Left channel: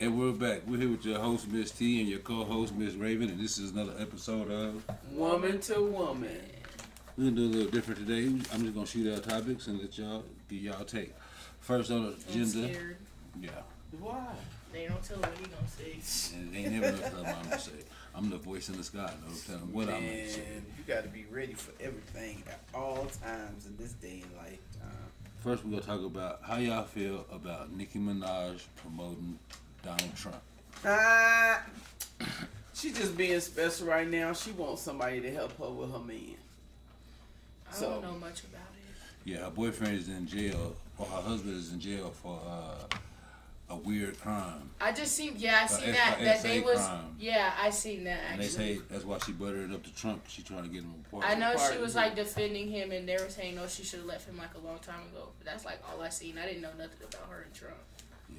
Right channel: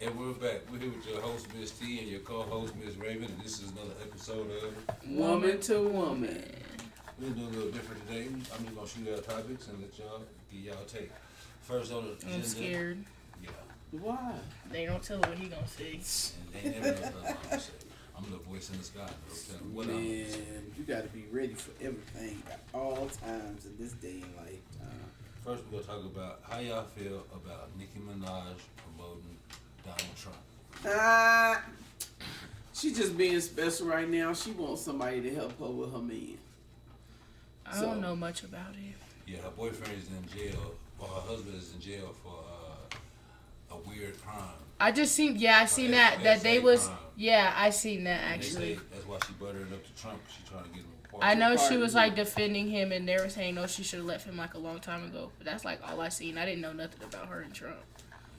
And we're back. We're here with your host, Miss T, and your co-host, Miss Raven, and this is another episode of Woman to Woman. We're gonna do a little different today. I'm just gonna shoot out topics and let y'all get y'all take. First on the agenda. I'm scared. Yeah. Why? They don't tell what he gonna say. And they never know what I'm gonna say. I'm the voice in the sky, though. Tell them what I'm gonna say. You got to be ready for everything at all times in this day and lifetime. First, we're gonna talk about how y'all feel about Nicki Minaj promoting Donald Trump. She just being special right now. She wants somebody to help her with her man. I don't know much about it. Yeah, her boyfriend is in jail, or her husband is in jail for a weird crime. I just seen, I seen that they was, crime. I seen that And actually. they say that's why she buttered it up to Trump. She trying to get him a pardon. I know she was like defending him, and they were saying no, she should have left him like a long time ago. But that's like all I seen. I didn't know nothing about her and Trump.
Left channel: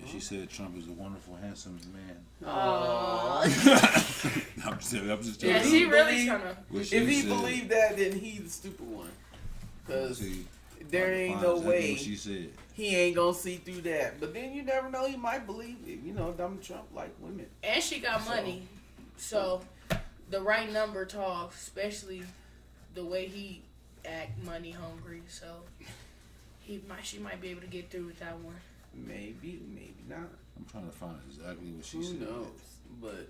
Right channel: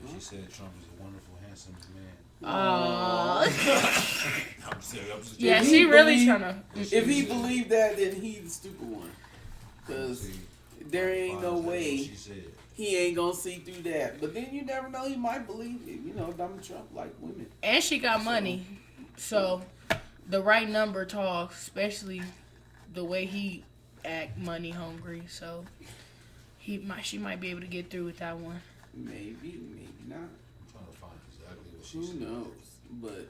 Yeah, she said Trump is a wonderful, handsome man. Oh. I'm just Yeah, she really trying to. If he believed that, then he's the stupid one. Because there ain't no way he ain't gonna see through that. But then you never know, he might believe it. You know, Donald Trump like women. And she got money, so the right number talks, especially the way he act money hungry. So she might be able to get through with that one. Maybe not. I'm trying to find exactly what she said. Who knows? But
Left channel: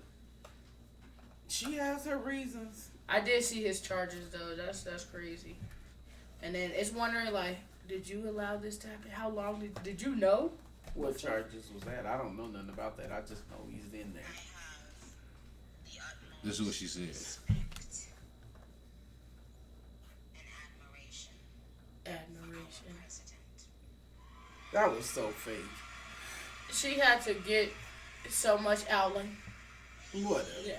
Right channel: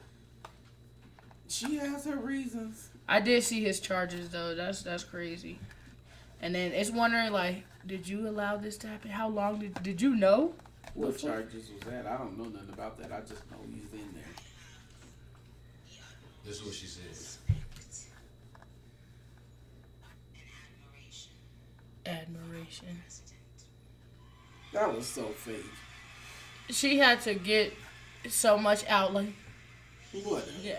she has her reasons. I did see his charges though. That's crazy. And then it's wondering like, did you allow this to happen? How long did you know? What charges was that? I don't know nothing about that. I just know he's in there. This is what she says. Admiration. That was so fake. She had to get so much out, like Whatever. yeah.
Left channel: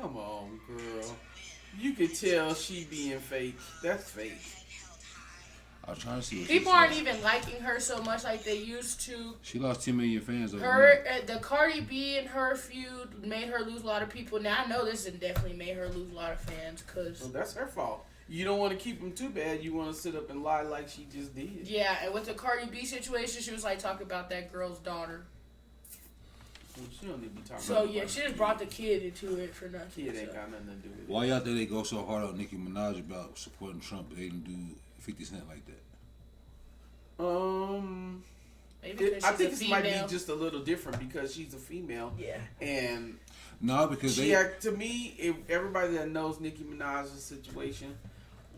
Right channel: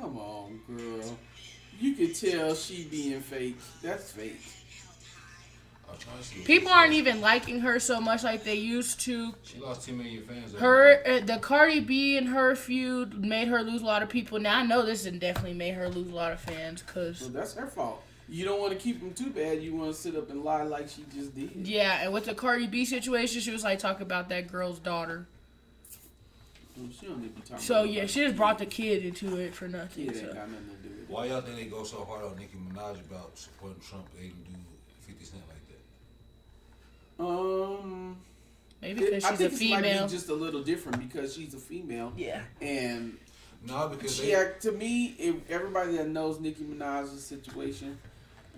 Come on, girl. You can tell she being fake. That's fake. I was trying to see what People she aren't said. even liking her so much like they used to. She lost 10 million fans. The Cardi B and her feud made her lose a lot of people. Now I know this has definitely made her lose a lot of fans, cause Well, that's her fault. You don't want to keep them too bad. You want to sit up and lie like she just did. yeah. And with the Cardi B situation, she was like talking about that girl's daughter. Well, she don't even talk So about yeah, she just brought the kid into it for nothing. Kid so. ain't got nothing to do with it. Why y'all think they go so hard on Nicki Minaj about supporting Trump, but they didn't do 50 Cent like that? Maybe because she's I think a this might female. be just a little different because she's a female. Yeah. And No, because to me, everybody that knows Nicki Minaj's situation,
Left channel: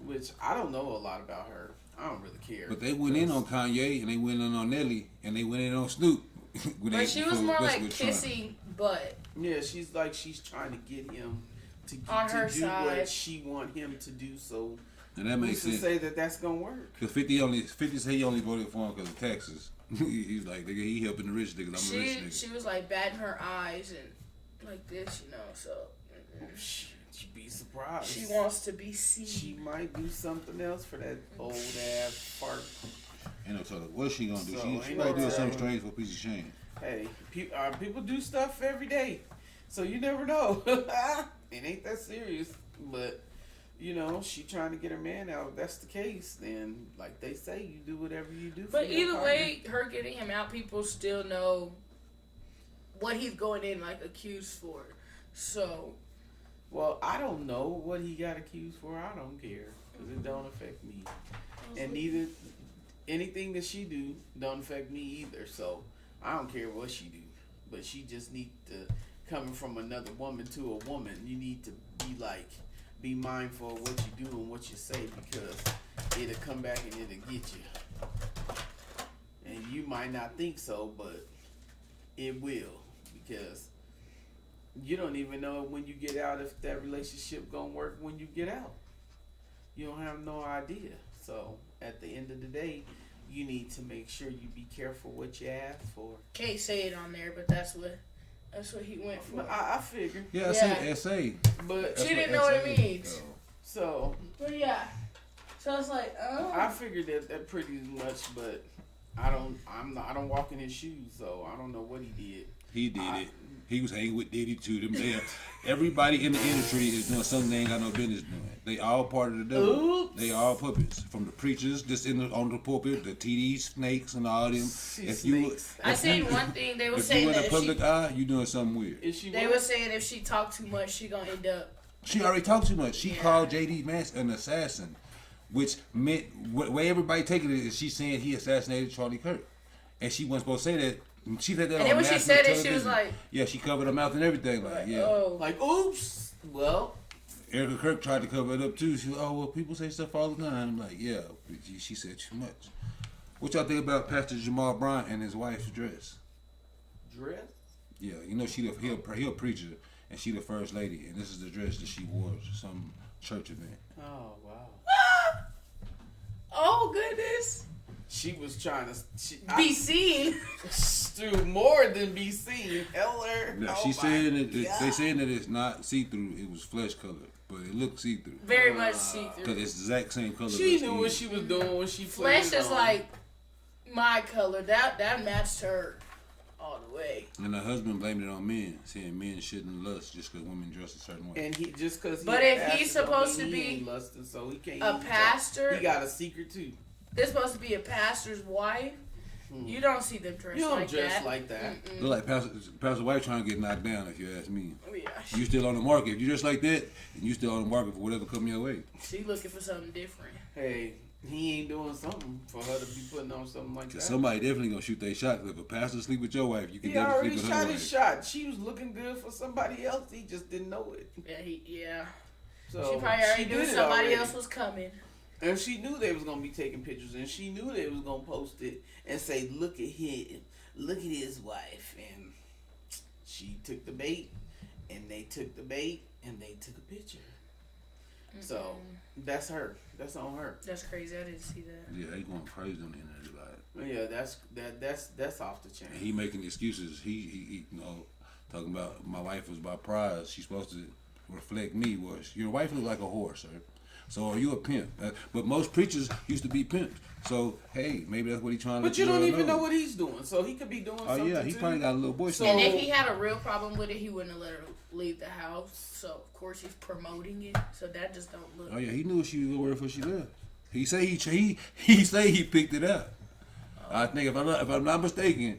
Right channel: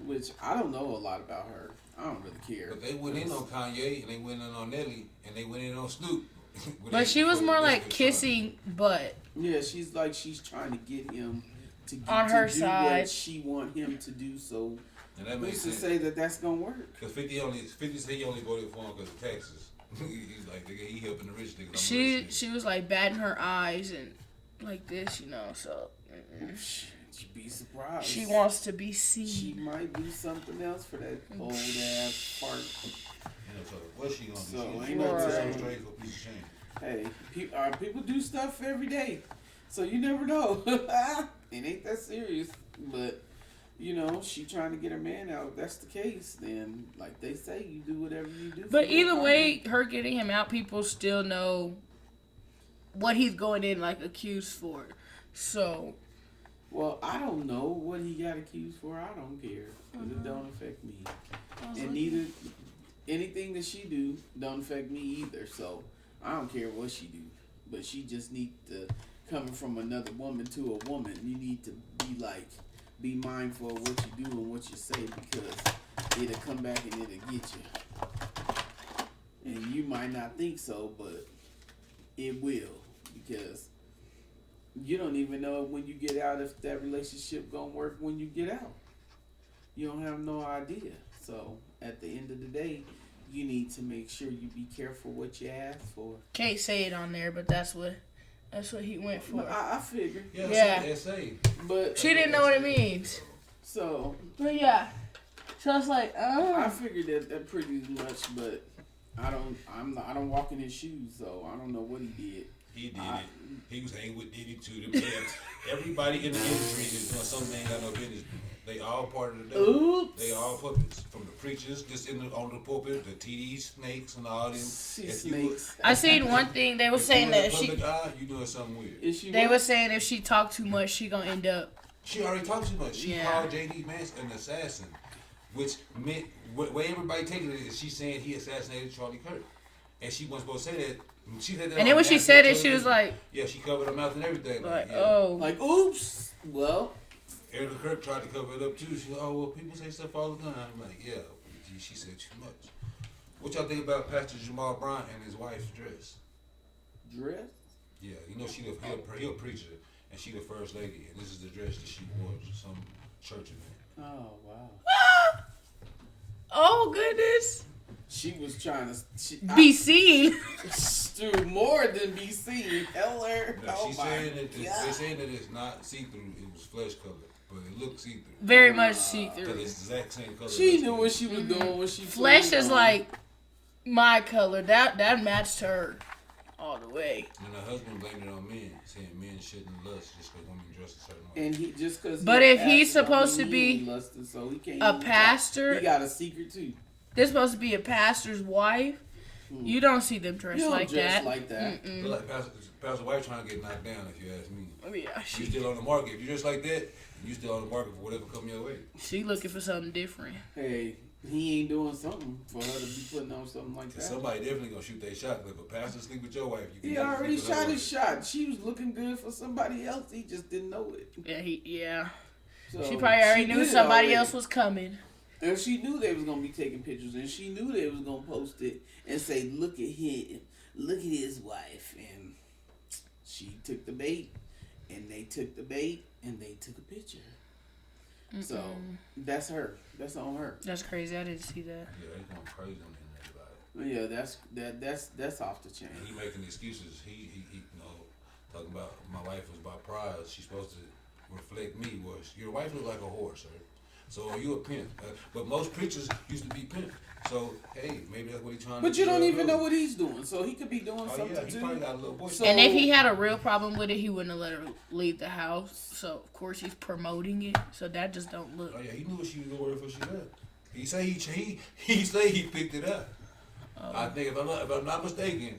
which I don't know a lot about her, I don't really care. But they went in on Kanye and they went in on Nelly and they went in on Snoop. But she was more like kissing butt. Yeah, she's trying to get him to On her do side. what she want him to do. So And that makes who's to sense. say that's gonna work? Because 50 said he only voted for him because of taxes. He's like, nigga, he helping the rich niggas. I'm the rich nigga. She was like batting her eyes and like this, you know. So She'd be surprised. she wants to be seen. She might do something else for that old ass fart. You know, so what's she gonna do? So, she ain't might no do something telling. strange for a piece of shame. Hey, people do stuff every day, so you never know. It ain't that serious, but you know, she trying to get her man out. If that's the case, then like they say, you do whatever you do. But for your either partner. way, her getting him out, people still know what he's going in like accused for. So Well, I don't know what he got accused for. I don't care because it don't affect me, and neither anything that she do don't affect me either. So I don't care what she do, but she just need to coming from another woman to a woman. You need to be mindful of what you do and what you say because it'll come back and it'll get you. And you might not think so, but it will because you don't even know when you get out if that relationship gonna work when you get out. You don't have no idea. So at the end of the day, you need to make sure you be careful what you ask for. can't say it on there, but that's what he went for. I figured. Yeah, Yeah. I say. But She didn't know what it means. so But yeah. So I was like, I figured that pretty much, but I don't walk in his shoes, so I don't know what he did. He did it. He was hanging with Diddy too. Them everybody in the industry is doing something they ain't got no business doing. They all part of the devil. Oops. They all puppets. From the preachers just on the pulpit, the TD snakes and all them. Snakes. I seen one thing they were saying that if she, you doing something weird. they were saying if she talked too much, she gonna end up. She already talked too much. She called JD Vance an assassin, which meant way everybody take it is she's saying he assassinated Charlie Kirk, and she wasn't supposed to say that. She said that. And then when she said it, she was like, "Yeah, she covered her mouth and everything." Like oops. Well, Erica Kirk tried to cover it up too. She was, "Oh well, people say stuff all the time." I'm like, "Yeah, she said too much." What y'all think about Pastor Jamal Bryant and his wife's dress? Dress? Yeah, you know he a preacher. And she the first lady, and this is the dress that she wore to some church event. Oh wow! oh goodness! She was trying to be seen. Do more than be seen. Heller. No, she's saying that they saying that it's not see through. It was flesh colored, but it looked see through. Very much see through. Because it's the exact same color. She knew what she was doing when she flesh is like my color. That matched her all the way. And her husband blamed it on men, saying men shouldn't lust just because women dress a certain way. And he just because. But if he's supposed to be lusted, so he can't a pastor, he got a secret too. They're supposed to be a pastor's wife. You don't see them dressed like that. Like that. They're like pastor wife trying to get knocked down. If you ask me, Yeah, you still on the market. If you dress like that, you still on the market for whatever come your way. She looking for something different. Hey, he ain't doing something for her to be putting on something like that. Somebody definitely gonna shoot their shot. If a pastor sleep with your wife, you can. He already shot his shot. She was looking good for somebody else. He just didn't know it. Yeah. So she probably already knew somebody else was coming. And she knew they was gonna be taking pictures, and she knew they was gonna post it and say, "Look at him, look at his wife." And she took the bait, and they took the bait, and they took a picture. So that's her. That's on her. That's crazy. I didn't see that. Yeah, they going crazy on the internet about it. Yeah, that's off the chain. He making excuses. He you know, talking about my wife was my prize. She's supposed to reflect me. Well, your wife looks like a horse, sir. So are you a pimp? But most preachers used to be pimped. So hey, maybe that's what he's trying to do. But you don't even know what he's doing. So he could be doing something too. Oh yeah, he probably got a little boy. So, and if he had a real problem with it, he wouldn't have let her leave the house. So of course he's promoting it. So that just don't look. Oh yeah, he knew she was over before she left. He say he picked it up. I think if I'm not mistaken,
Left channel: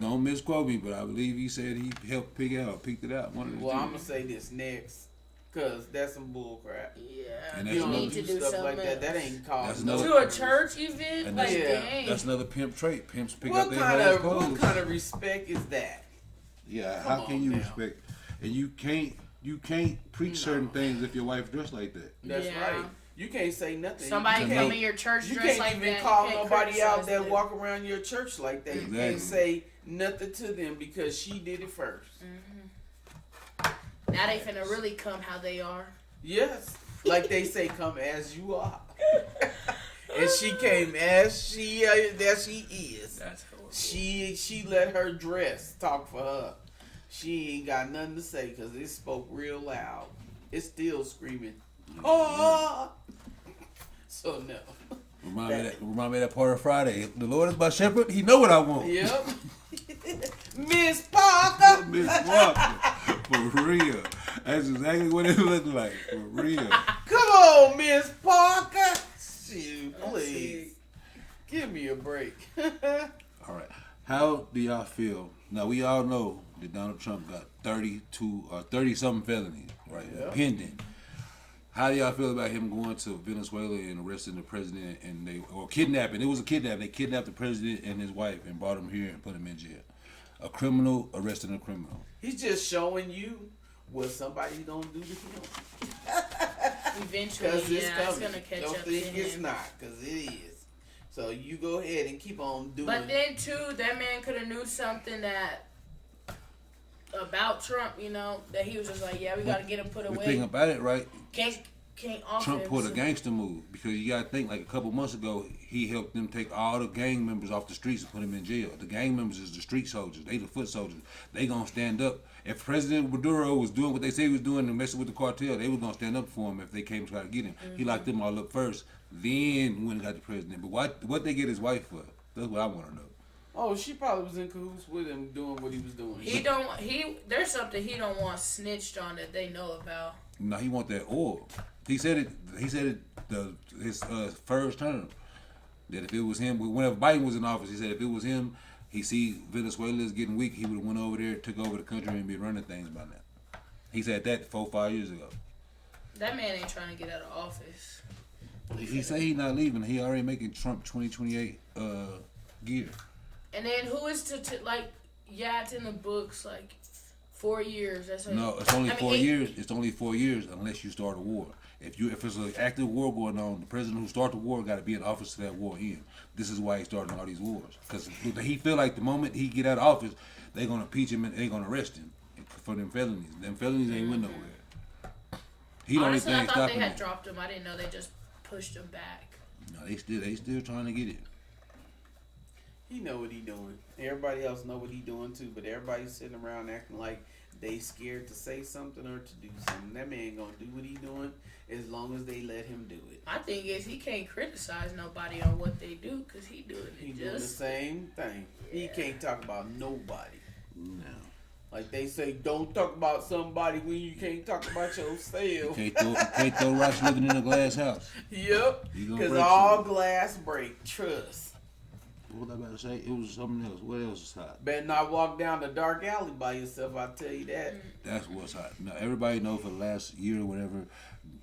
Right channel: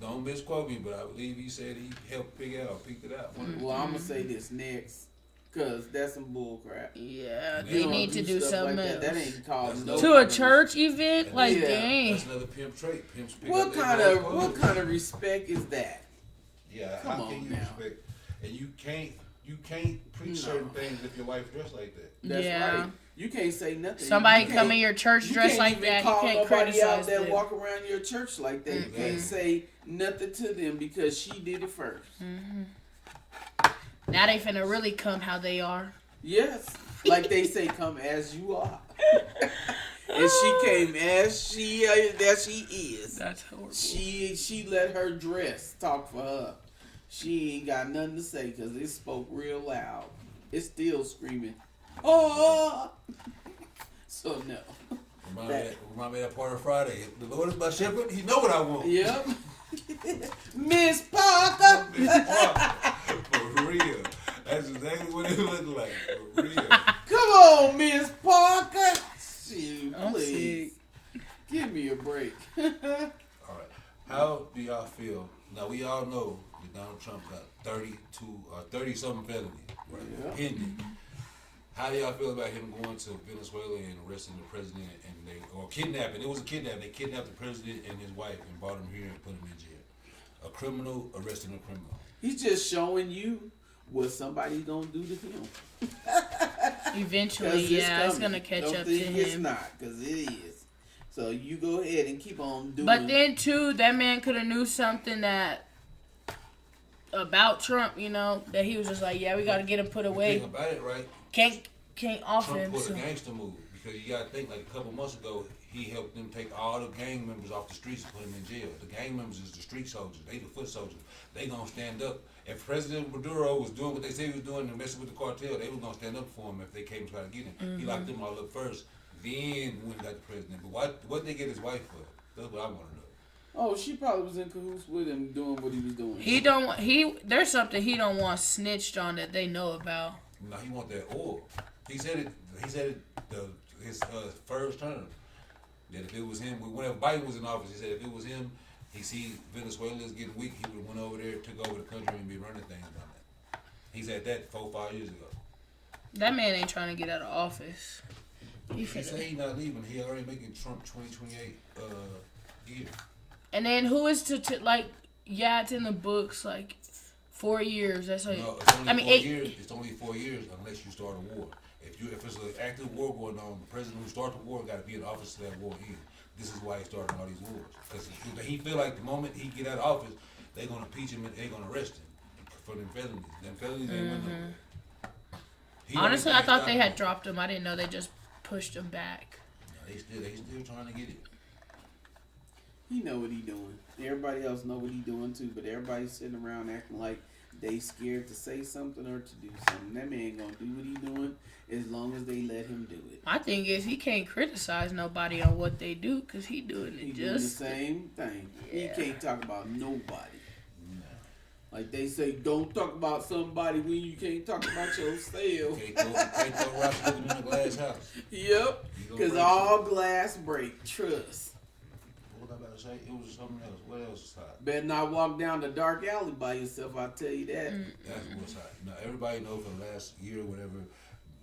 don't misquote me, but I believe he said he helped pick it out. Well, I'm gonna say this next. Cause that's some bull crap. Yeah, they need to do something like else. That ain't called no to a church event. And like, dang. That's another pimp trait. Pimps pick what up kind of respect is that? Yeah, how can you respect? And you can't preach certain things if your wife dressed like that. That's right. You can't say nothing. Somebody come in your church dressed like that. You can't even call nobody out that walk around your church like that. Exactly. You can't say nothing to them because she did it first. Now they finna really come how they are. Yes, like they say, come as you are. And she came as she is. That's horrible. She let her dress talk for her. She ain't got nothing to say because it spoke real loud. It's still screaming. Oh! So no. Remind me of that part of Friday. The Lord is my shepherd. He know what I want. Yep. Miss Parker. Miss Parker. For real. That's exactly what it looked like. For real. Come on, Miss Parker. Shoot, please. Give me a break. All right. How do y'all feel? Now, we all know that Donald Trump got 30-something felonies, right? Yeah. Pending. How do y'all feel about him going to Venezuela and arresting the president or kidnapping? It was a kidnapping. They kidnapped the president and his wife and brought him here and put him in jail. A criminal arresting a criminal. He's just showing you what somebody's gonna do to him. Eventually, yeah, it's gonna catch up to him. It's not, because it is. So you go ahead and keep on doing. But then too, that man could have knew something about Trump, you know, that he was just like, yeah, we gotta get him put away. The thing about it, right? Can't offer Trump him. pulled a gangster move because you gotta think like a couple months ago he helped them take all the gang members off the streets and put them in jail. The gang members is the street soldiers. They the foot soldiers. They gonna stand up. If President Maduro was doing what they say he was doing and messing with the cartel, they was gonna stand up for him if they came to try to get him. He locked them all up first, then went and got the president. But what they get his wife for? That's what I want to know. Oh, she probably was in cahoots with him doing what he was doing. There's something he don't want snitched on that they know about. No, he want that oil. He said it. His first term that if it was him, whenever Biden was in office, he said if it was him, he see Venezuela's getting weak, he would have went over there, took over the country, and be running things by that. He said that 4-5 years ago. That man ain't trying to get out of office. He said he's not leaving. He already making Trump 2028 gear. And then who is to like? Yeah, it's in the books like 4 years. That's like, No, it's only 4 years. It's only 4 years unless you start a war. If it's an active war going on, the president who started the war got to be in office to that war end. This is why he's starting all these wars. Because he feel like the moment he get out of office, they're gonna impeach him and they're gonna arrest him for them felonies. Them felonies ain't went nowhere. Honestly, I thought they had dropped him. I didn't know they just pushed him back. No, they still trying to get it. He know what he doing. Everybody else know what he doing too, but everybody's sitting around acting like they scared to say something or to do something. That man ain't gonna do what he doing as long as they let him do it. My thing is he can't criticize nobody on what they do because he doing it He just doing the same thing. Yeah. He can't talk about nobody. No. Like they say, don't talk about somebody when you can't talk about yourself. Can't throw rocks living in a glass house. Yep. Because all glass break. Trust. What was I about to say? It was something else. What else is hot? Better not walk down the dark alley by yourself, I'll tell you that. That's what's hot. Now, everybody know for the last year or whatever,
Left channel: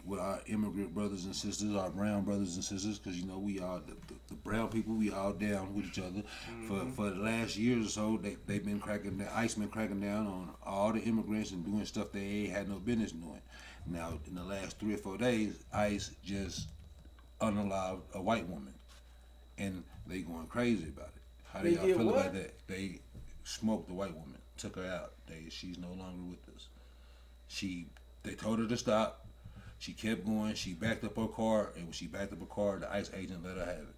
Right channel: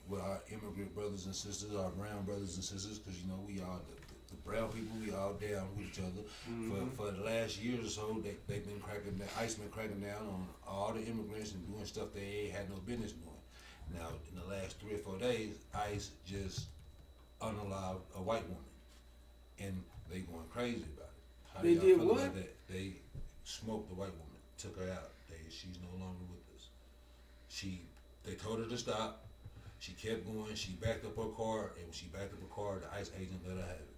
with our immigrant brothers and sisters, our brown brothers and sisters, because, you know, we all, the brown people, we all down with each other. For the last year or so, they've been cracking down, ICE been cracking down on all the immigrants and doing stuff they ain't had no business doing. Now, in the last 3 or 4 days, ICE just unallowed a white woman. And they going crazy about it. How do They y'all did feel what? about that? They smoked the white woman, took her out. She's no longer with us. They told her to stop. She kept going. She backed up her car, and when she backed up her car, the ICE agent let her have it.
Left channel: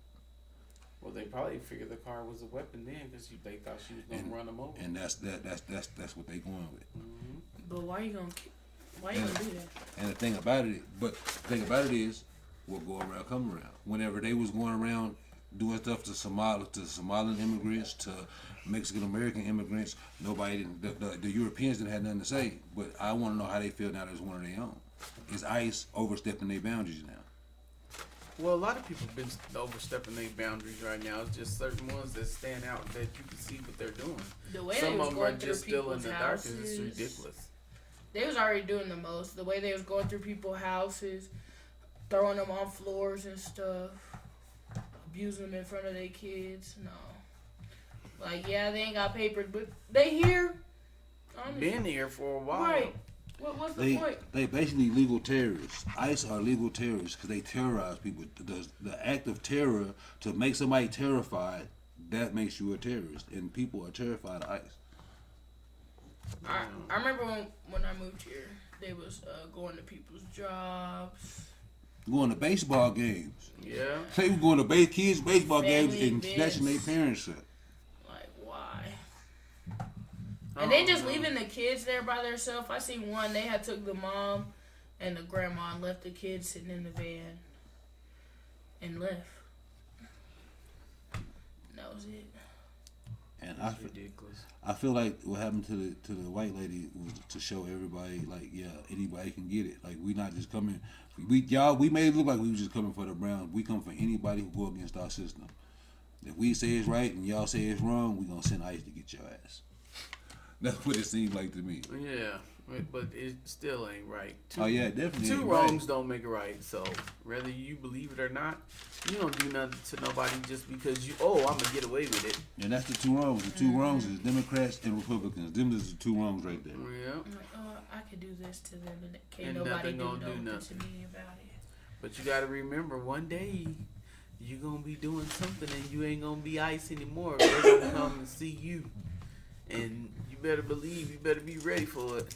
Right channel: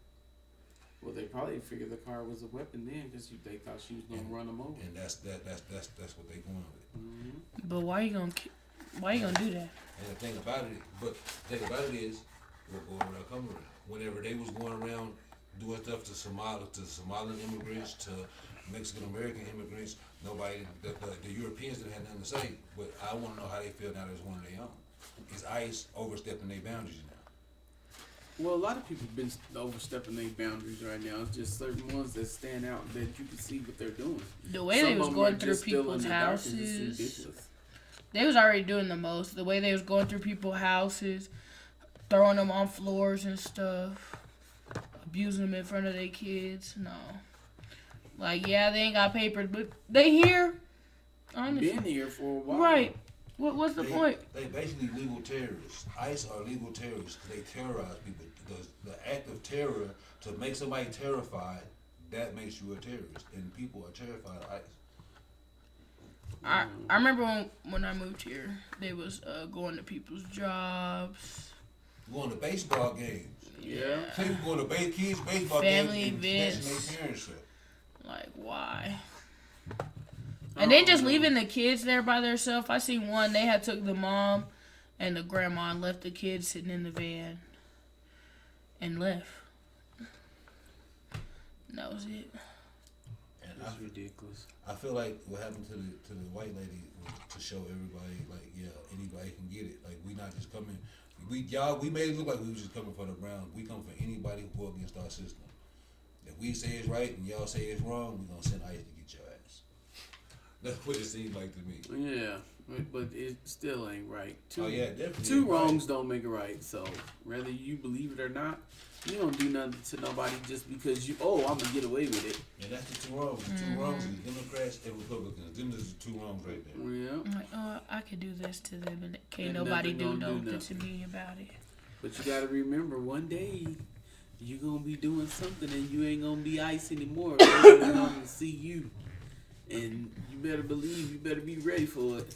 Well, they probably figured the car was a weapon then because they thought she was going to run them over. And that's what they going with. But why you gonna do that? And the thing about it is, what go around come around. Whenever they was going around doing stuff to Somalian immigrants, to Mexican American immigrants, the Europeans didn't have nothing to say. But I want to know how they feel now that it's one of their own. Is ICE overstepping their boundaries now? Well, a lot of people been overstepping their boundaries right now. It's just certain ones that stand out that you can see what they're doing. The way Some they was of them going are through just still in people's the dark, and it's houses, ridiculous. they was already doing the most. The way they was going through people's houses, throwing them on floors and stuff, abusing them in front of their kids. No, like yeah, they ain't got papers, but they here. Honestly. Been here for a while. Right. What's the point? They basically legal terrorists. ICE are legal terrorists because they terrorize people. The act of terror to make somebody terrified, that makes you a terrorist, and people are terrified of ICE. I remember when I moved here, they was going to people's jobs, Going to baseball games. Yeah. Say we going to kids' baseball Family games and events. snatching their parents up. like why? And then just leaving the kids there by themselves. I seen one. They had took the mom and the grandma and left the kids sitting in the van and left. And that was it. And That's ridiculous. I feel like what happened to the white lady was to show everybody, like, yeah, anybody can get it. Like, we not just coming. We made it look like we was just coming for the Browns. We come for anybody who go against our system. If we say it's right and y'all say it's wrong, we gonna send ICE to get your ass. That's what it seemed like to me. Yeah, but it still ain't right. Definitely. Two wrongs don't make it right. So whether you believe it or not, you don't do nothing to nobody just because I'm gonna get away with it. And that's the two wrongs. The two wrongs is Democrats and Republicans. Them is the two wrongs right there. Yeah. I'm like, I could do this to them and can't And nobody nothing do gonna do nothing to nothing. me about it. But you gotta remember, one day you gonna be doing something and you ain't gonna be ICE anymore. They're gonna come and see you, and you better believe you better be ready for it.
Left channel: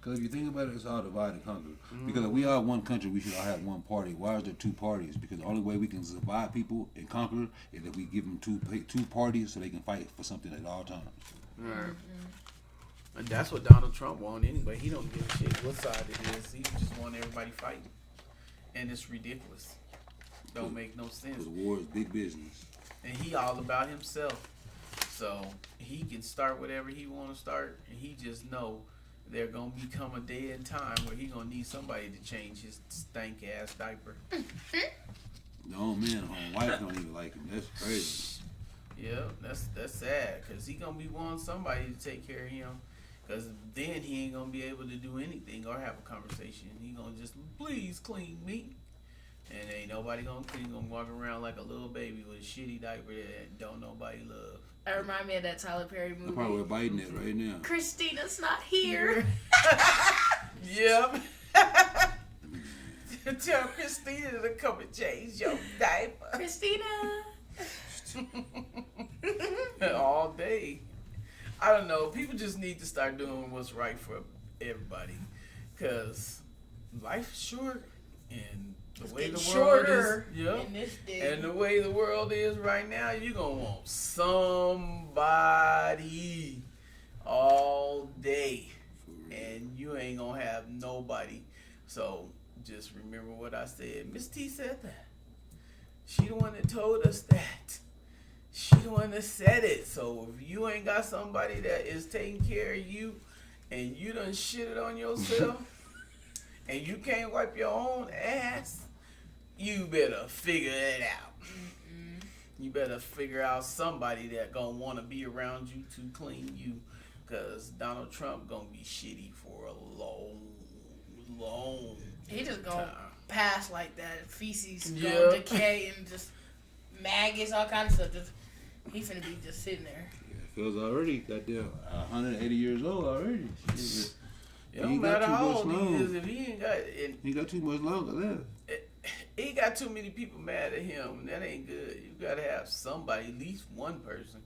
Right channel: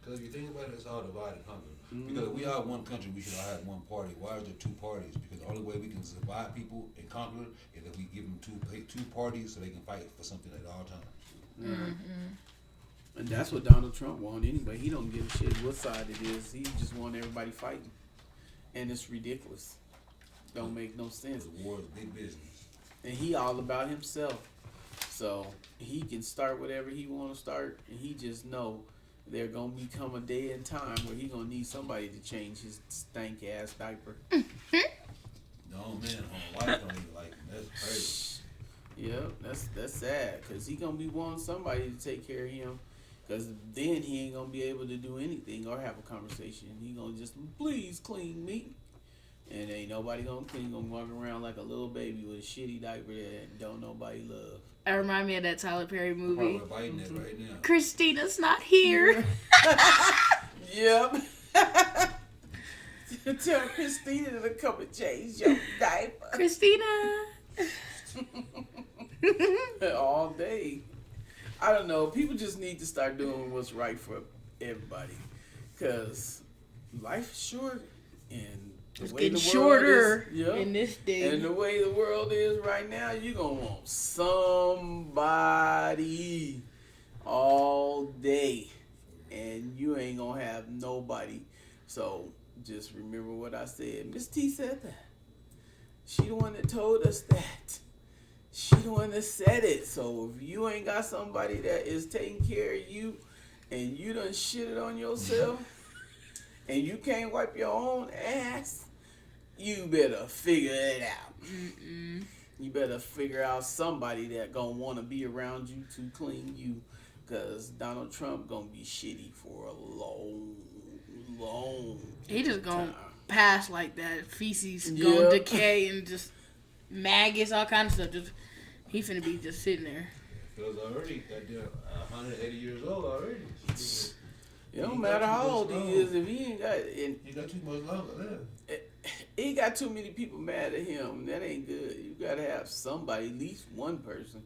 Because if you think about it, it's all divide and conquer. Because if we are one country, we should all have one party. Why is there two parties? Because the only way we can divide people and conquer is if we give them two parties so they can fight for something at all times. Right. And that's what Donald Trump want anyway. He don't give a shit what side it is. He just want everybody fighting, and it's ridiculous. Don't make no sense. The war is big business. And he all about himself. So he can start whatever he want to start, and he just know there gonna become a day and time where he gonna need somebody to change his stank ass diaper. No man, wife don't even like him. That's crazy. Yep, that's sad, cause he gonna be wanting somebody to take care of him, cause then he ain't gonna be able to do anything or have a conversation. He gonna just please clean me, and ain't nobody gonna clean. Gonna walk around like a little baby with a shitty diaper that don't nobody love. That remind me of that Tyler Perry I'm movie. probably biting it right now. Christina's not here. Yep. Tell Christina to come and change your diaper. Christina. All day. I don't know. People just need to start doing what's right for everybody, cause life's short, and the It's way getting the world shorter is, yep. in this day. And the way the world is right now, you gonna want somebody all day, and you ain't gonna have nobody. So just remember what I said. Miss T said that. She the one that told us that. She the one that said it. So if you ain't got somebody that is taking care of you, and you done shit it on yourself, and you can't wipe your own ass, you better figure it out. Mm-mm. You better figure out somebody that gonna want to be around you to clean you, cause Donald Trump gonna be shitty for a long He just gonna time. pass like that. Feces Yep. gonna decay and just maggots, all kind of stuff. Just he finna be just sitting there. Feels already goddamn 180 years old already. It He don't got matter too how much old he longer. is if he ain't got. And He got too much longer left. he got too many people mad at him. That ain't good. You gotta have somebody, at least one person.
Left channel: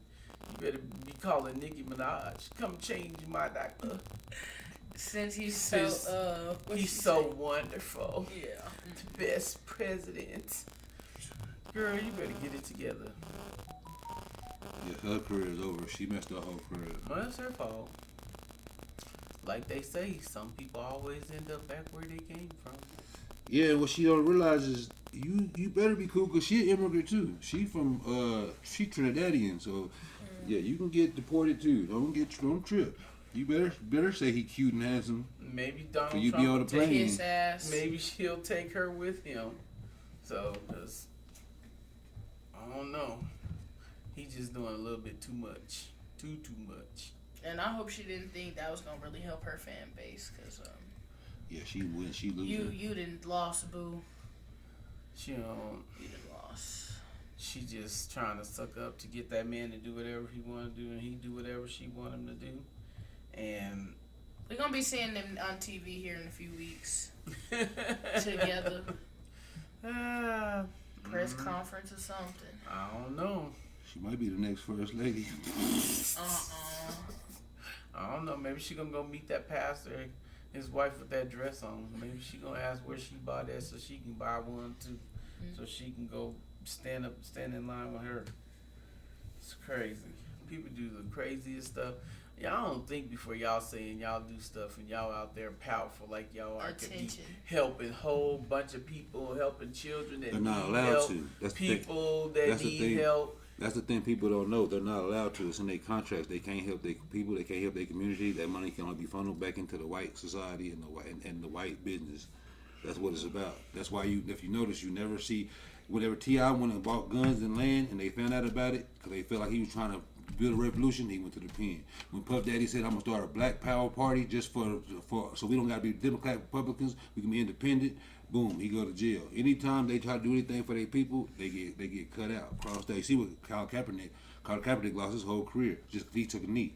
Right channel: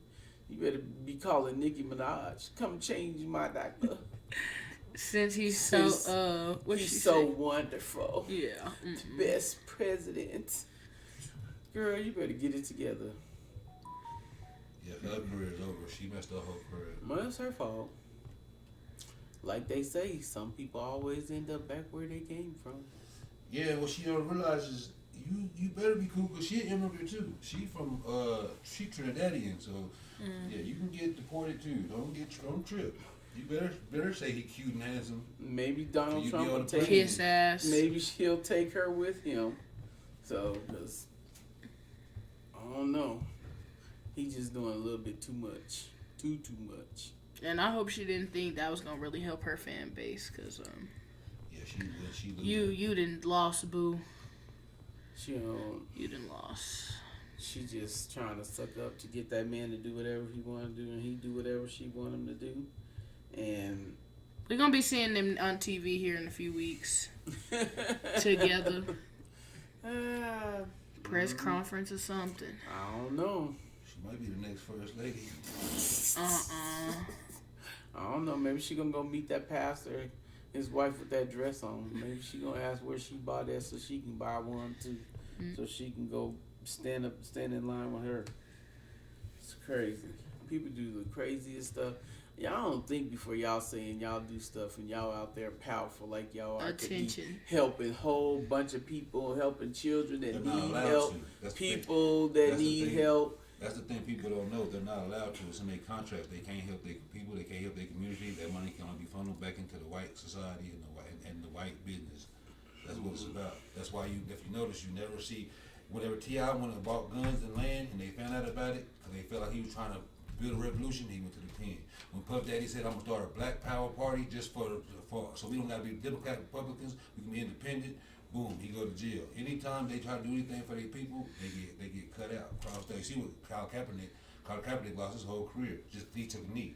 You better be calling Nicki Minaj. Come change my diaper. Since he's Since so what'd He's she so say? wonderful. Yeah. Best president. Girl, you better get it together. Yeah, her career is over. She messed up her whole career. Well, it's her fault. Like they say, some people always end up back where they came from. Yeah, what she don't realize is you better be cool because she an immigrant too. She from she Trinidadian, so yeah, you can get deported too. Don't trip. You better say he cute and handsome. Maybe Donald You be Trump on will the take. plane. Kiss ass. Maybe he'll take her with him. So, cause I don't know. He just doing a little bit too much. Too much. And I hope she didn't think that was gonna really help her fan base, cause Yeah, she win. She lose. you didn't lost, boo. She don't. You didn't lost. She just trying to suck up to get that man to do whatever he want to do, and he do whatever she want him to do. And We're gonna be seeing them on TV here in a few weeks together. Press conference or something. I don't know. She might be the next first lady. I don't know. Maybe she gonna go meet that pastor, his wife with that dress on. Maybe she gonna ask where she bought that so she can buy one too, so she can go stand in line with her. It's crazy. People do the craziest stuff. Y'all don't think before y'all saying y'all do stuff and y'all out there powerful like y'all are. Attention. Helping whole bunch of people, helping children that They're not need allowed help, to. That's the people thing. that That's the need thing. help. That's the thing people don't know. They're not allowed to. It's in their contracts. They can't help their people. They can't help their community. That money can only be funneled back into the white society and the white business. That's what it's about. That's why if you notice, you never see. Whenever T.I. went and bought guns and land, and they found out about it, because they felt like he was trying to build a revolution, he went to the pen. When Puff Daddy said, "I'm gonna start a Black Power party just for so we don't gotta be Democrat Republicans, we can be independent." Boom, he go to jail. Anytime they try to do anything for their people, they get cut out. Cross state. See what Colin Kaepernick lost his whole career just he took a knee.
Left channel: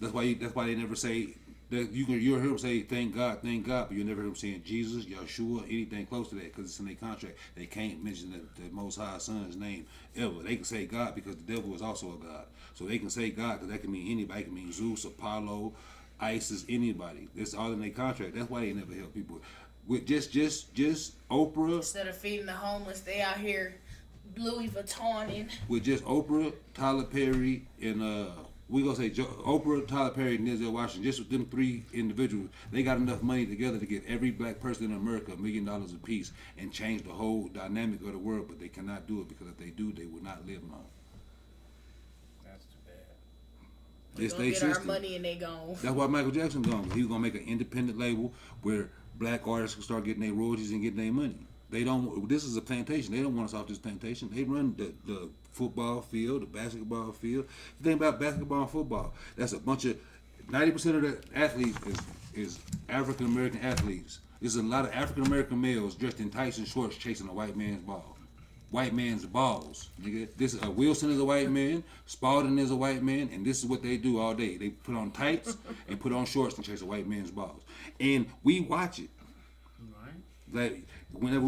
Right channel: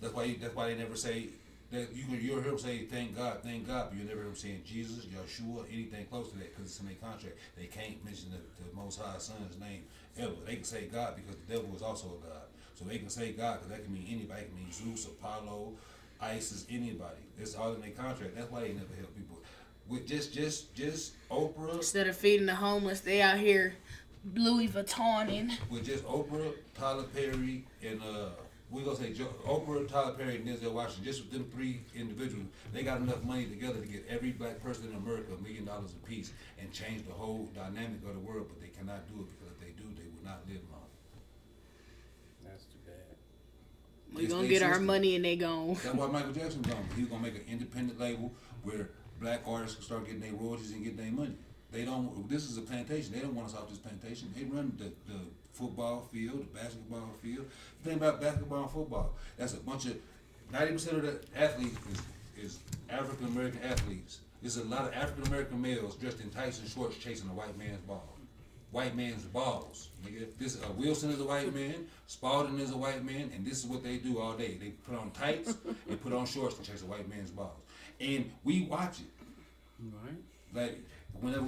That's why they never say that you'll hear him say thank God, but you never hear him saying Jesus, Yeshua, anything close to that because it's in their contract. They can't mention the Most High Son's name ever. They can say God because the devil is also a god. So they can say God because that can mean anybody. It can mean Zeus, Apollo, Isis, anybody. It's all in their contract. That's why they never help people. With just Oprah. Instead of feeding the homeless, they out here Louis Vuittoning. With just Oprah, Tyler Perry, and we gonna say Oprah, Tyler Perry, and Denzel Washington. Just with them three individuals, they got enough money together to get every black person in America $1 million apiece and change the whole dynamic of the world. But they cannot do it because if they do, they will not live long. That's We gonna get our money and they gone. That's why Michael Jackson gone. He was gonna make an independent label where black artists can start getting their royalties and getting their money. They don't. This is a plantation. They don't want us off this plantation. They run the football field, the basketball field. The thing about basketball and football, that's a bunch of 90% of the athletes is African American athletes. There's a lot of African American males dressed in tights and shorts chasing a white man's ball. White man's balls. Nigga. This is Wilson is a white man, Spalding is a white man, and this is what they do all day. They put on tights and put on shorts and chase a white man's balls. And we watch it. Right. Like whenever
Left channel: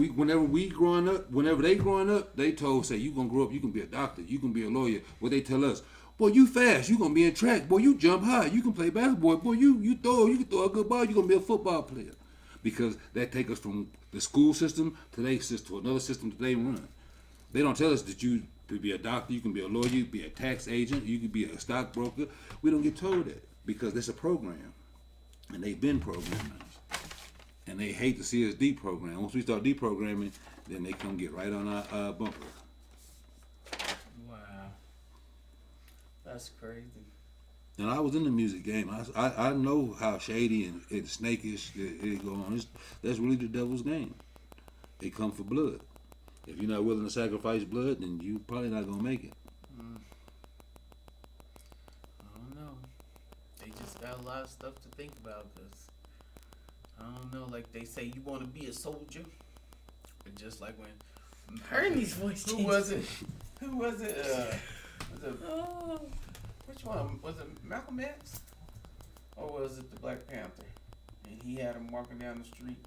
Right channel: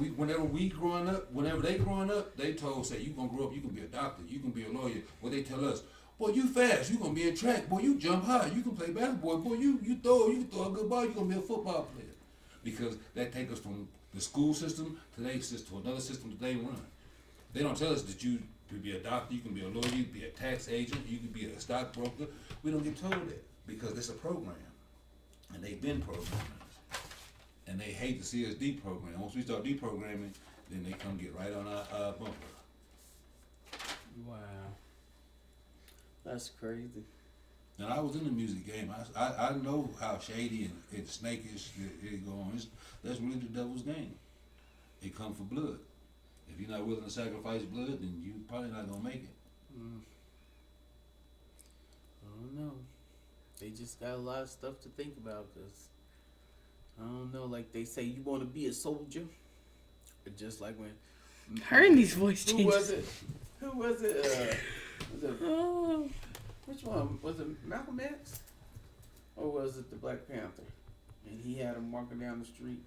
they growing up, they told say you gonna grow up, you can be a doctor, you can be a lawyer. What they tell us, boy, you fast, you gonna be in track, boy, you jump high, you can play basketball, boy, you can throw a good ball, you gonna be a football player. Because that take us from the school system to their system, to another system that they run. They don't tell us that you could be a doctor, you can be a lawyer, you can be a tax agent, you can be a stockbroker. We don't get told that because it's a program, and they've been programming us, and they hate to see us deprogram. Once we start deprogramming, then they come get right on our bumper. Wow, that's crazy. And I was in the music game. I know how shady and snakish it go on. That's really the devil's game. They come for blood. If you're not willing to sacrifice blood, then you probably not gonna make it. I don't know. They just got a lot of stuff to think about because I don't know. Like they say, you want to be a soldier, but just like when Hermes' voice changed. Who was it? Was it? Oh. Which one was it? Malcolm X, or was it the Black Panther? And he had him walking down the street,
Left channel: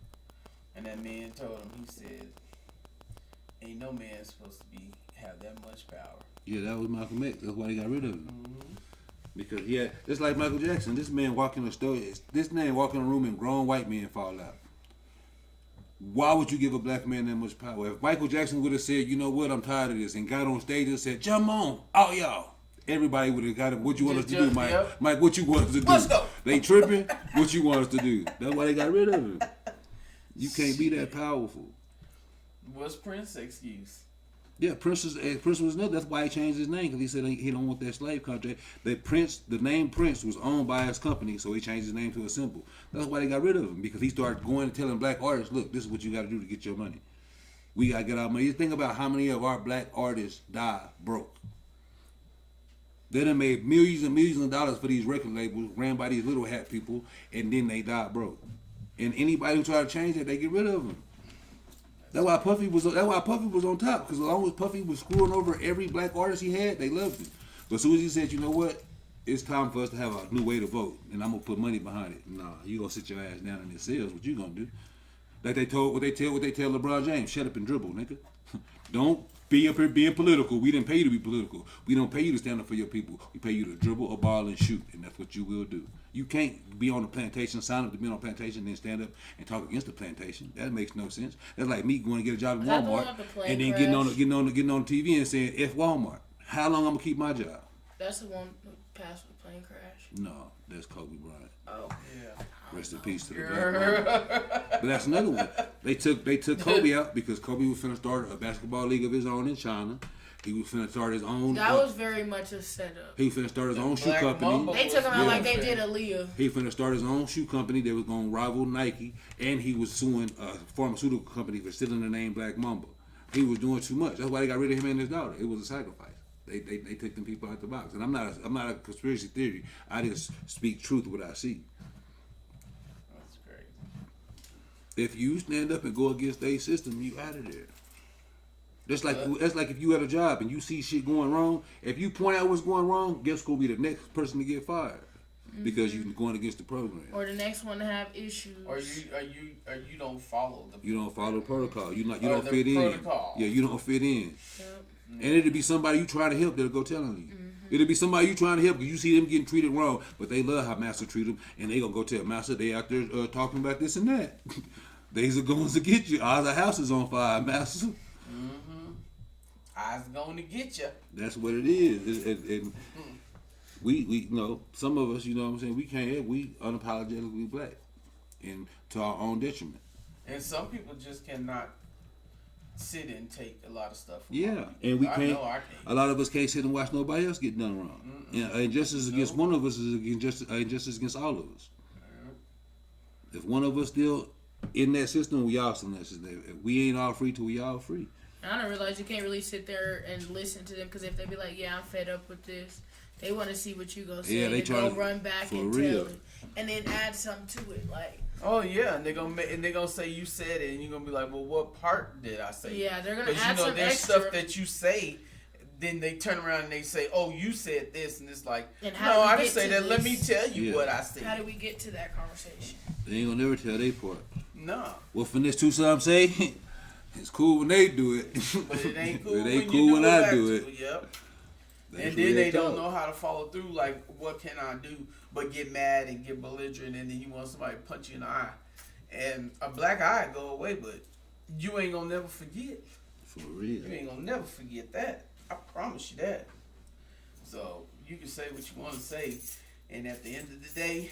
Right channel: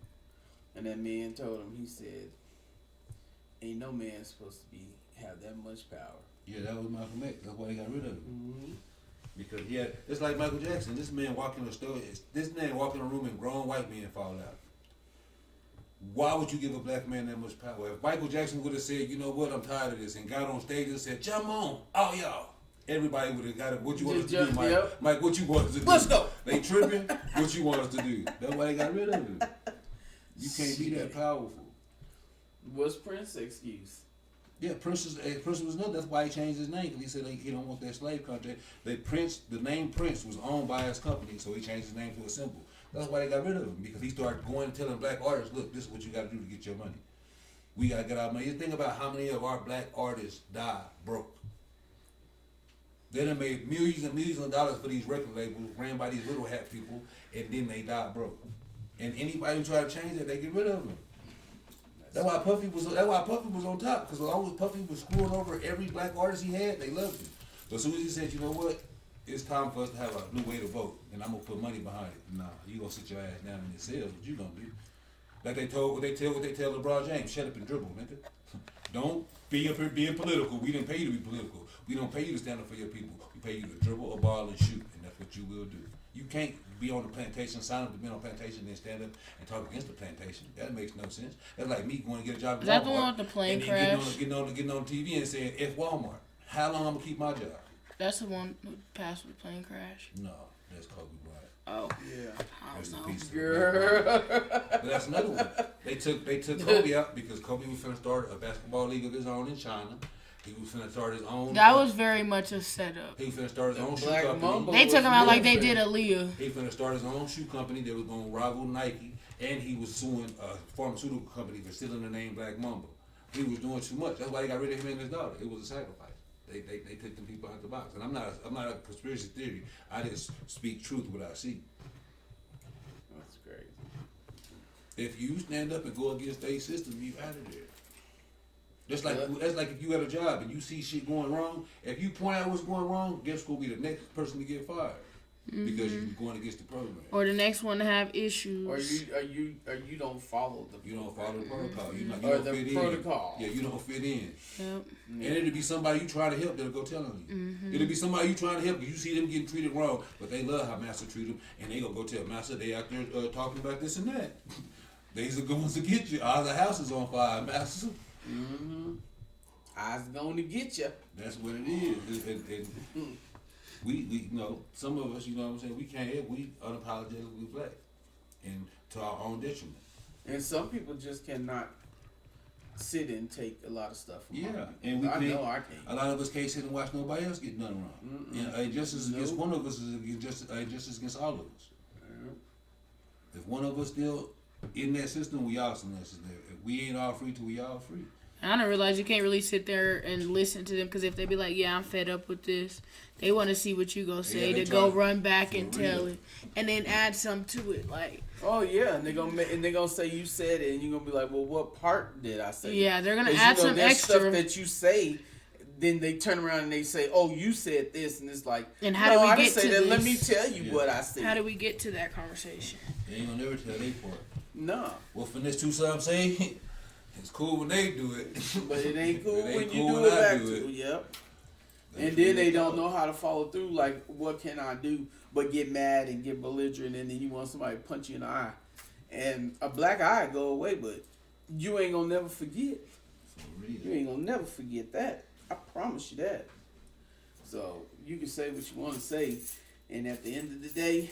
and that man told him, he said, "Ain't no man supposed to have that much power." Yeah, that was Malcolm X. That's why they got rid of him. Mm-hmm. Because he had, just like Michael Jackson, this man walk in the store, this man walk in a room and grown white men fall out. Why would you give a black man that much power? If Michael Jackson would have said, you know what, I'm tired of this, and got on stage and said, jump on, all y'all. Everybody would have got it. What you want us to do, Mike? Yep. Mike, what you want us to do? Let's go. They tripping. What you want us to do? That's why they got rid of him. You can't be that powerful. What's Prince's excuse? Yeah, Prince was nuts. That's why he changed his name, because he said he don't want that slave contract. That Prince, the name Prince was owned by his company, so he changed his name to a symbol. That's why they got rid of him, because he started going and telling black artists, look, this is what you got to do to get your money. We got to get our money. You think about how many of our black artists died broke. They done made millions and millions of dollars for these record labels, ran by these little hat people, and then they died broke. And anybody who try to change that, they get rid of them. That's why Puffy was on top, because as long as Puffy was screwing over every black artist he had, they loved him. But as soon as he said, you know what, it's time for us to have a new way to vote, and I'm gonna put money behind it. Nah, you gonna sit your ass down in the cells. What you gonna do? Like they tell LeBron James, shut up and dribble, nigga. Don't be up here being political. We didn't pay you to be political. We don't pay you to stand up for your people. We pay you to dribble a ball and shoot, and that's what you will do. You can't be on the plantation, sign up to be on a plantation, then stand up and talk against the plantation. That makes no sense. That's like me going to get a job at That the Walmart one with the plane and then crash? getting on TV and saying F Walmart. How long I'm gonna keep my job? That's the one who passed with the plane crash. No, that's Kobe Bryant. Oh. Yeah. Rest in peace to the Girl. But that's another one. They took Kobe out because Kobe was finna start a basketball league of his own in China. He was finna start his own. That was very much a setup. He finna start his own shoe Black company. Mamba They took him out was like they good. did Aaliyah. He finna start his own shoe company that was gonna rival Nike, and he was suing a pharmaceutical company for stealing the name Black Mamba. He was doing too much. That's why they got rid of him and his daughter. It was a sacrifice. They took them people out the box. And I'm not a conspiracy theory. I just speak truth what I see. That's crazy. If you stand up and go against their system, you out of there. That's like if you had a job and you see shit going wrong. If you point out what's going wrong, guess who'll be the next person to get fired? Because you're going against the program. Or the next one to have issues. Or you don't follow the. You don't follow the protocol. You Or don't the fit protocol. in. Yeah, you don't fit in. Yep. And it'll be somebody you try to help that'll go tell on you. It'll be somebody you trying to help because you see them getting treated wrong, but they love how Master treat them, and they gonna go tell Master they out there talking about this and that. They's the ones to get you. All the house is on fire, Master. Mm-hmm. I's going to get you. That's what it is. And we you know, some of us, you know what I'm saying, we unapologetically black, and to our own detriment. And some people just cannot sit and take a lot of stuff from Yeah, other people. and we I can't. know I can't. A lot of us can't sit and watch nobody else get done wrong. And injustice against one of us is injustice against all of us. If one of us still in that system, we all still in that system. If we ain't all free till we all free. I don't realize you can't really sit there and listen to them because if they be like, yeah, I'm fed up with this, they want to see what you gonna say. Yeah, to go run back and tell it, and then add something to it. Like, oh yeah, and they gonna say you said it, and you're gonna be like, well, what part did I say? yeah, they're gonna add some there's extra stuff that you say. Then they turn around and they say, "Oh, you said this," and it's like, and how "No, do we I get didn't say to that. this? Let me tell you what I said." How do we get to that conversation? They ain't gonna never tell their part. No. What Finesse Two Subs say? It's cool when they do it, But it ain't cool It ain't when cool you when do it I back do to it. you. Yep. That's And then real they don't talk. know how to follow through. Like, what can I do? But get mad and get belligerent, and then you want somebody to punch you in the eye, and a black eye go away, but you ain't gonna never forget. For real. You ain't gonna never forget that. I promise you that. So you can say what you want to say, and at the end of the day,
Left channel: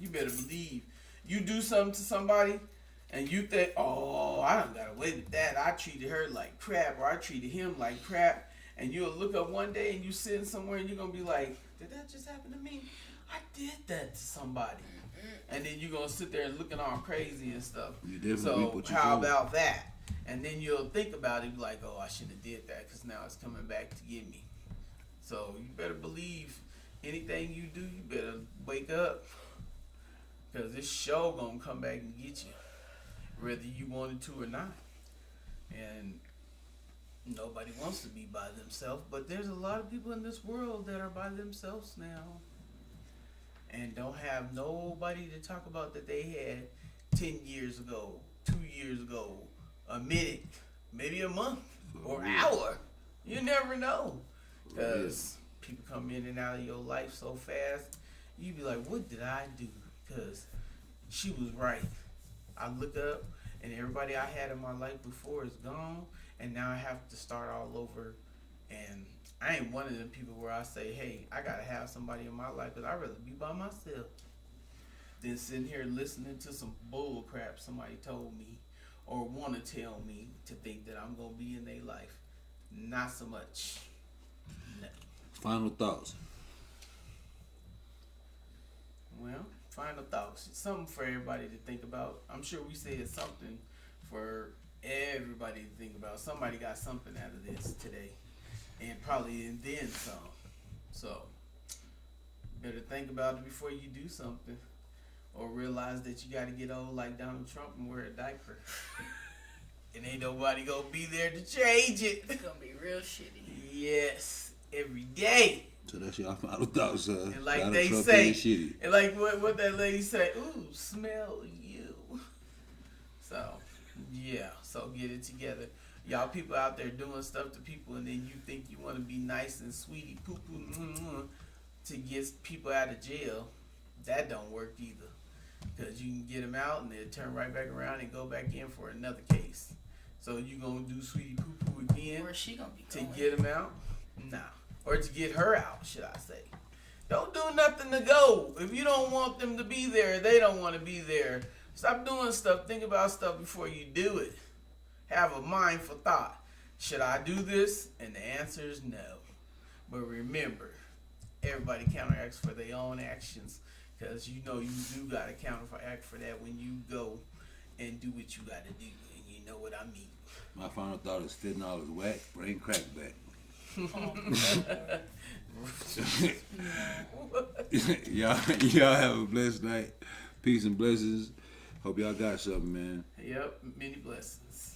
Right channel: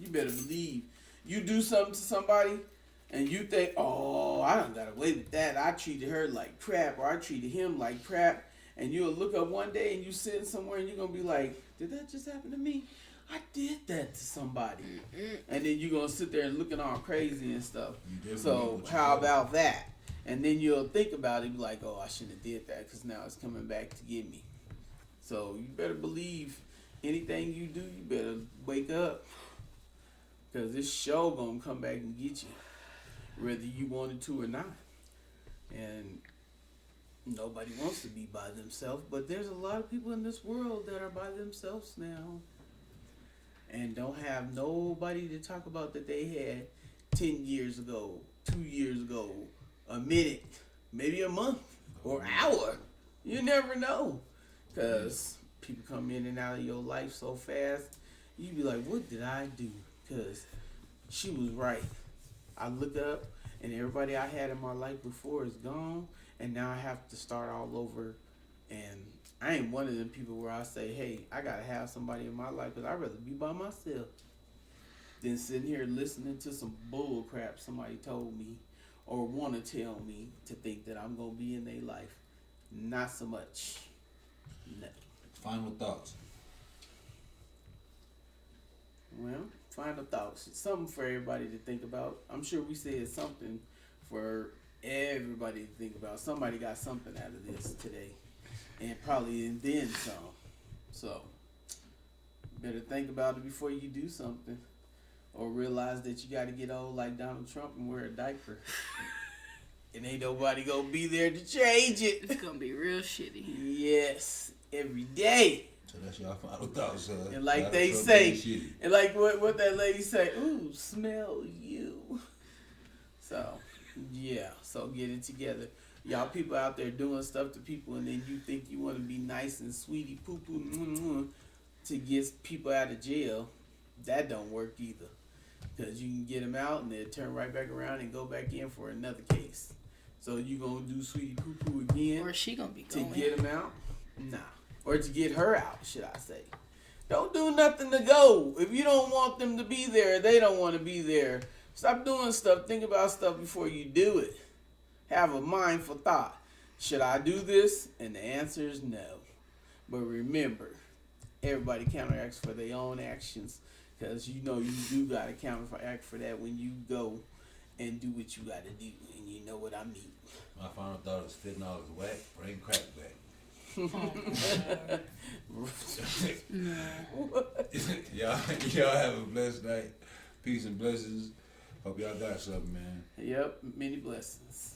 you better believe you do something to somebody, and you think, "Oh, I done got away with that. I treated her like crap, or I treated him like crap." And you'll look up one day and you sitting somewhere and you're gonna be like, "Did that just happen to me? I did that to somebody." And then you're gonna sit there looking all crazy and stuff. So how about that? And then you'll think about it, be like, "Oh, I shouldn't have did that because now it's coming back to get me." So you better believe anything you do, you better wake up, because this show gonna come back and get you, whether you wanted to or not. And nobody wants to be by themselves, but there's a lot of people in this world that are by themselves now and don't have nobody to talk about that they had 10 years ago, 2 years ago, a minute, maybe a month or hour. You never know, because people come in and out of your life so fast. You be like, what did I do? Because she was right. I look up and everybody I had in my life before is gone, and now I have to start all over. And I ain't one of them people where I say, hey, I gotta have somebody in my life, because I'd rather be by myself than sitting here listening to some bull crap somebody told me or want to tell me to think that I'm gonna be in their life. Not so much. No. Final thoughts. Well, final thoughts. Something for everybody to think about. I'm sure we said something for everybody to think about. Somebody got something out of this today, and probably and then some. So, better think about it before you do something, or realize that you got to get old like Donald Trump and wear a diaper. And ain't nobody gonna be there to change it. It's gonna be real shitty. Yes, every day. So that's your final thoughts. And like Donald they Trump say, ain't shitty. and like what that lady say, ooh, smell you. So, yeah, so get it together. Y'all people out there doing stuff to people, and then you think you want to be nice and sweetie poo poo to get people out of jail. That don't work either. Because you can get them out and they'll turn right back around and go back in for another case. So you gonna do sweetie poo poo again? Where's she gonna be to going? get them out? Nah. Or to get her out, should I say. Don't do nothing to go. If you don't want them to be there, they don't want to be there. Stop doing stuff. Think about stuff before you do it. Have a mindful thought. Should I do this? And the answer is no. But remember, everybody counteracts for their own actions, because you know you do got to counteract for that when you go and do what you got to do. And you know what I mean. My final thought is fentanyl is whack, bring crack back. y'all have a blessed night. Peace and blessings. Hope y'all got something, man. Yep, many blessings.